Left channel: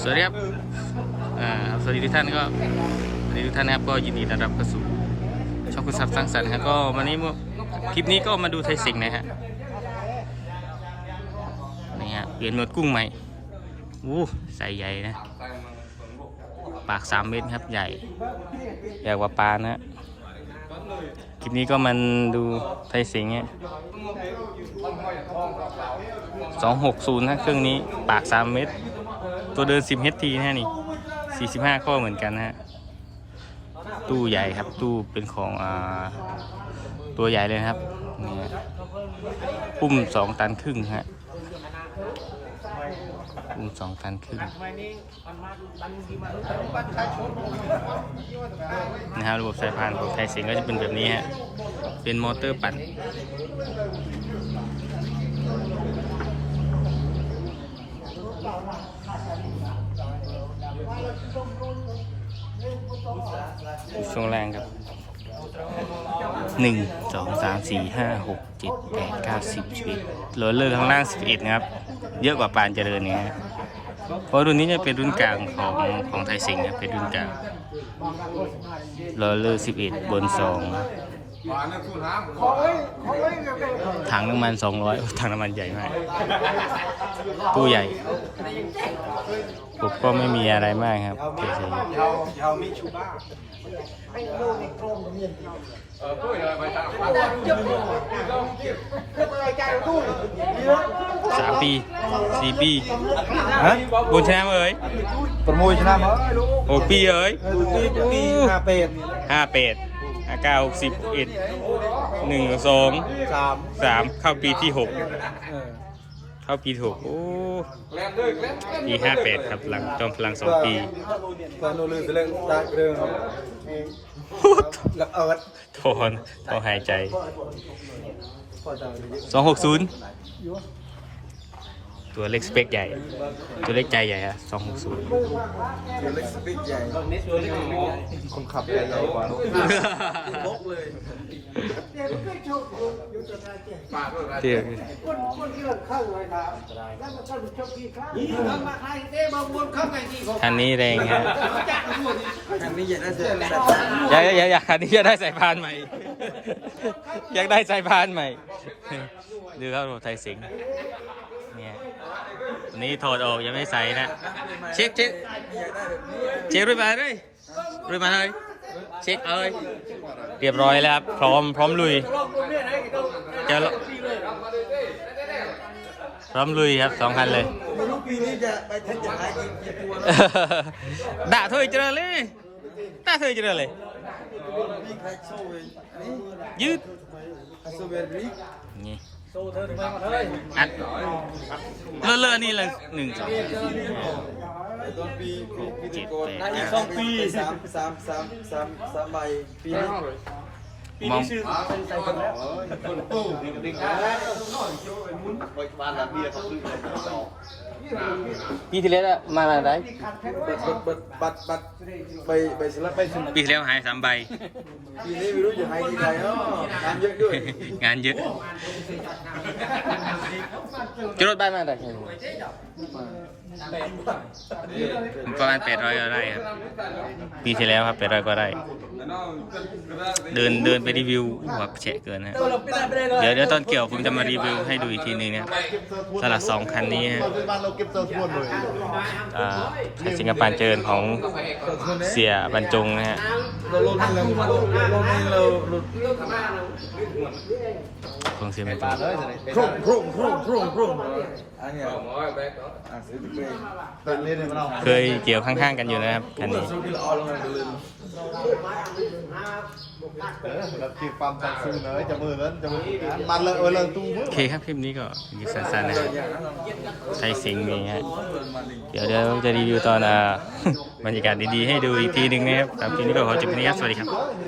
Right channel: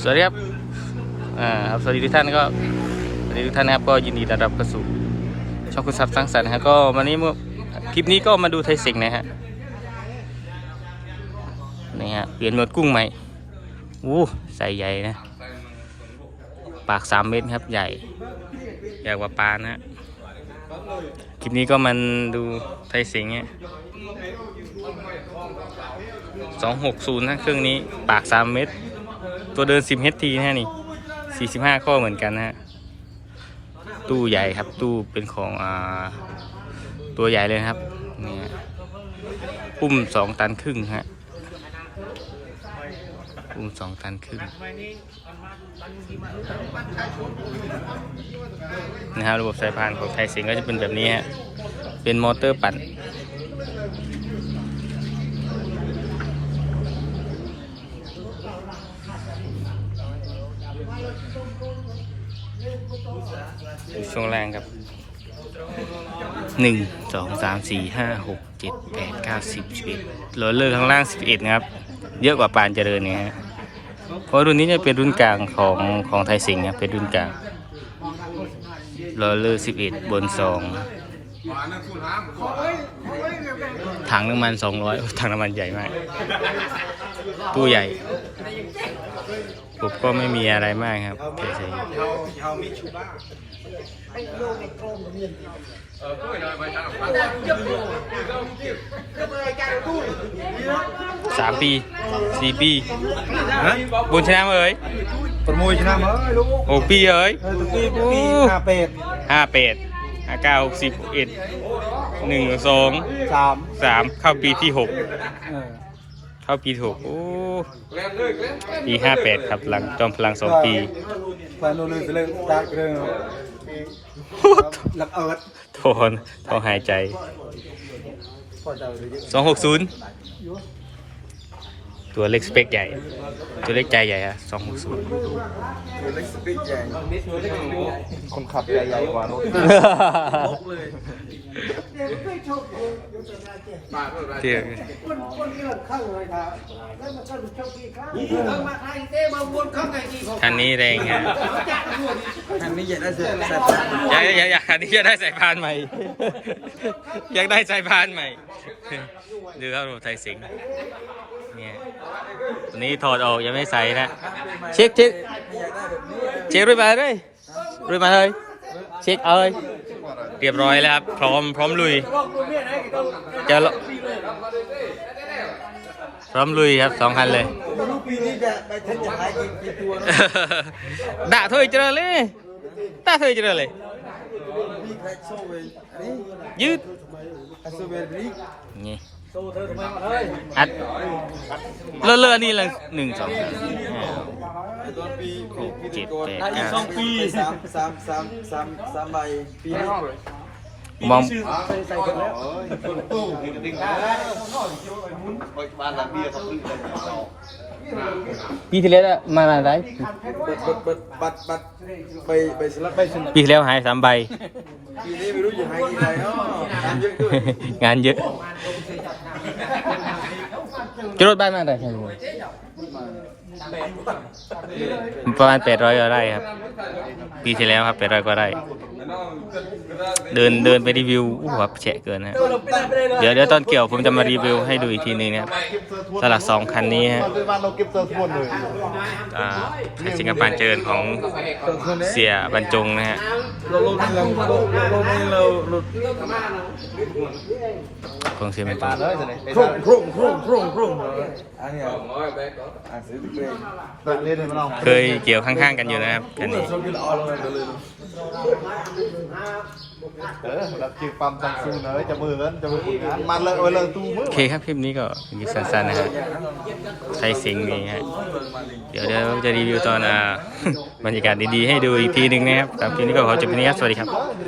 สวัสดีครับ อ่าครับสวัสดีทุกท่านก็สวัสดีทุกท่านนะครับก็ยินดีต้อนรับเข้าสู่ช่องคุณทรัพย์สร้างสรรค์นะฮะก็วันนี้มื่อคลิปนี้ก็มาดูไทยสิงห์นะฮะนี่ฮะเปลี่ยนหนวดกุ้งใหม่อู้ใส่ใหญ่นะ ปากสามเมตรครับใหญ่ใหญ่กว่าปลานะฮะคลิปนี้ก็มันดูไทยสิงห์เนี่ยสองหกศูนย์นะเครื่องนี้ปากสามเมตร ตัวเดิน 10 HT นะฮะนี่ 45 ข้อเหมือนกันนะฮะ ตู้ใหญ่ครับตู้เป็นของอ่าตัวใหญ่เลยครับนี่ฮะอุ้ม2 ตันครึ่งฮะอุ้ม2 ตันครึ่งนะครับระบบสายพานของไทยสิงก็จะเป็นแบบนี้ฮะ เป็นมอเตอร์ปั่น ช่วงแรงครับหนึ่งสองสามสี่ห้าหกเจ็ดแปดเก้าสิบสิบเอ็ดโรลเลอร์ข้างล่างสิบเอ็ดนะครับ เยอะกว่าปานเจริญเนี่ยเพราะรุ่นนี้จะเป็นรุ่นกลางของของไทยสิงห์ครับเป็นรุ่นกลางโรลเลอร์สิบเอ็ดบนสองถังน้ำมันสองร้อยถังน้ำมันใหญ่มาก ตู้ใหญ่ ผมก็ไม่มีอะไรมากครับเฉยสามปีสี่ปีบุญชนะมเอ้ยประมวยชนะมาเอ้ยลูกหกปีเอ้ยห้าเป็ดห้าเป็ดห้าเก้าหกสิบเอ็ดหนึ่งสองสามเข้าปีที่หก เข้าปีถูกปีห้าแปดครับหลังจอมพลังสองปีปานูลักเอิร์ดทอนทอหายใจสองหกศูนย์ ตัวเล็กสเปคใหญ่ ตัวเล็กใจใหญ่อะสองหกศูนย์คนขับใหญ่กว่าเตี้ยคันนี้แรงฮะทางนี้ใหญ่ได้สุดอยากอยากอยากคันนี้อยากได้สายพานใหม่ อยากได้สายพานใหม่ดูครับรถไทยสิงเนี่ย วนี้ถอดออกยังไม่ใส่นะ เช็คเช็คเช็ครุ่นมาเลยรุ่นมาเลย เช็คเอ้ยเรียบร้อยแล้วครับ พร้อมพร้อมลุยจะลพร้อมลุยครับสองคันเลยไม่รู้ปีนี้จะไปเทศจะหายกี่กี่ตัวด่าเธอเจอเลยด่าเธอเจอเลยนี่ใครโซ่เองนี่ยืดอาซูเว นี่นี่อัดเลอะเลอะนี่ละหนึ่งสองสามสี่ห้าต้นปีหกเจ็ดแปดอายุเก้าสองปีสามสามสามสามสามใบปีนี้มองปีที่แล้วมาอะไรบัดบัดบัดบัดไปไปสลับไปสลับปีที่แล้วหายสามใบปีนี้ไม่รู้จะหายกี่ใบ เนาะทำเยอะด้วยงานเยอะจะรถบ้านอะไรประมาณแปดร้อยก็ได้ครับ ปีที่แล้วครับแปดร้อยก็ได้ เดินเดินไปรีวิวอู้หัวแฉะเกินนะเดี๋ยวเดี๋ยวตอนเกี่ยวผมจะมารีวิวให้ดูอีกทีหนึงนะครับสลักสองคันนี้ฮะอ่าไทยสิงคโปร์เจริญของเสียบรรจงนะฮะ ของเสียบรรจงโครงโครงโครงโครงครงอันนี้อะซื้อไปเล่นมันเคยเกี่ยวข้างๆกันอยู่นะครับคันนี้โอเคครับคลิปนี้ก็ยิบสั้นๆนะฮะไทยสิงนี่ฮะเดี๋ยวเดี๋ยวจะรีวิวตอนอ่าบรรยากาศดีๆให้ดูอีกทีหนึ่งนะครับสำหรับคลิปนี้ก็ขอจบที่นี้ครับสวัสดีครับ